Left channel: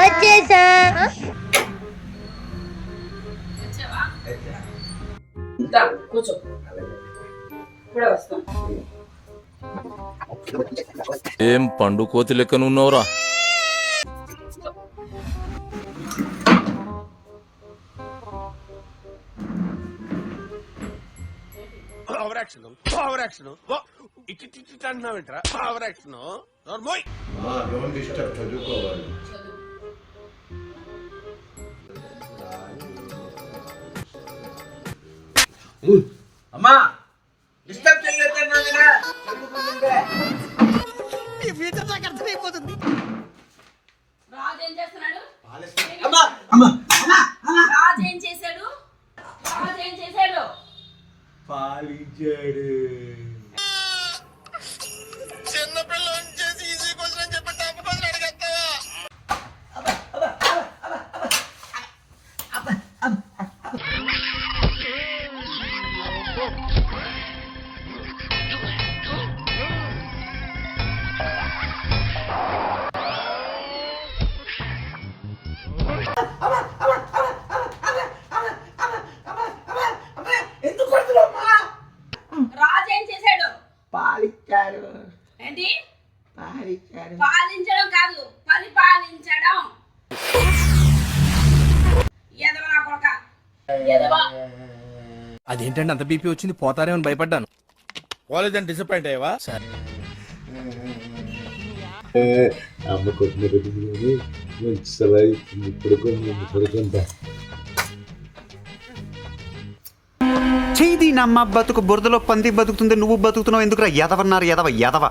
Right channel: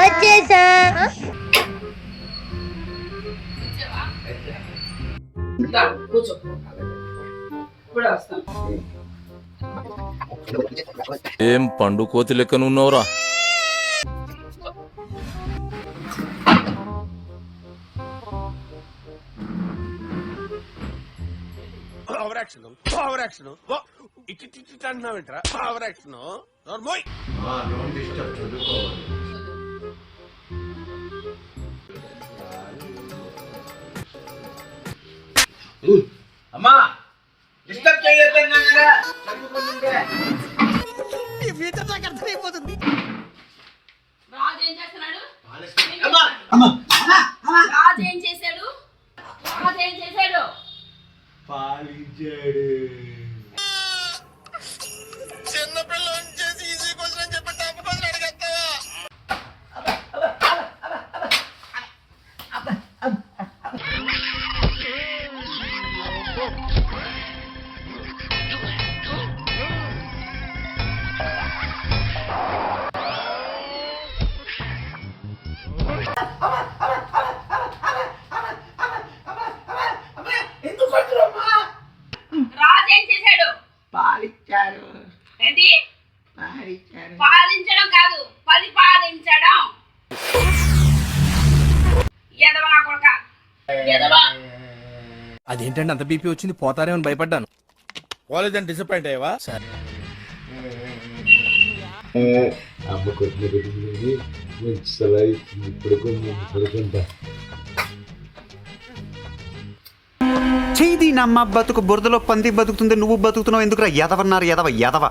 వచ్చేసా. కూర్చో ఇప్పుడే వస్తాను. ఏం పండు కోతి లెక్కనున్నావురా? ఇటు అంటున్నావేంట్రా? ఓవర్ యాక్షన్ చదువుకోవాలి. అమ్మా డిస్టర్బ్ చేయొద్దు. ఈ ఫ్యూచర్ నాకు అర్థమైపోతుంది. రాజు ఏం చేస్తున్నాడు? అమ్మా రాజు ఏం చేశాడు? రాజు ఏం చేశాడు? పాలించాడు. చిన్నపిల్ల చేసి ఈజీ క్వశ్చన్ చెప్పి టఫ్ క్వశ్చన్ అడిగేస్తావా? ఎందుకు పడుతున్నామ్మా? రాజు ఏం చేశాడు? పాలిచ్చాడు. ఏంటి? పాలిచ్చాడు. పాలించడం కాదు, పరిపాలించడం. ఎదవ నా కొడుక, ఎదవ. అదేంటండి అంత బీపీ వచ్చింది? పోతారేమని భయపడ్డాను. కాలేజ్ డిసప్పాయింట్ అయ్యావా? అమ్మ కొట్టిన రోజులని మంచి సలహా ఇప్పుడు పడుకుంటా. చేయి నమ్మ బతుకు బురదలో పంది బతుకుతుంది, నువ్వు బతుకుతున్నావు ఎందుకురా? ఎదవన్నారు ఎదవ ఎదవ.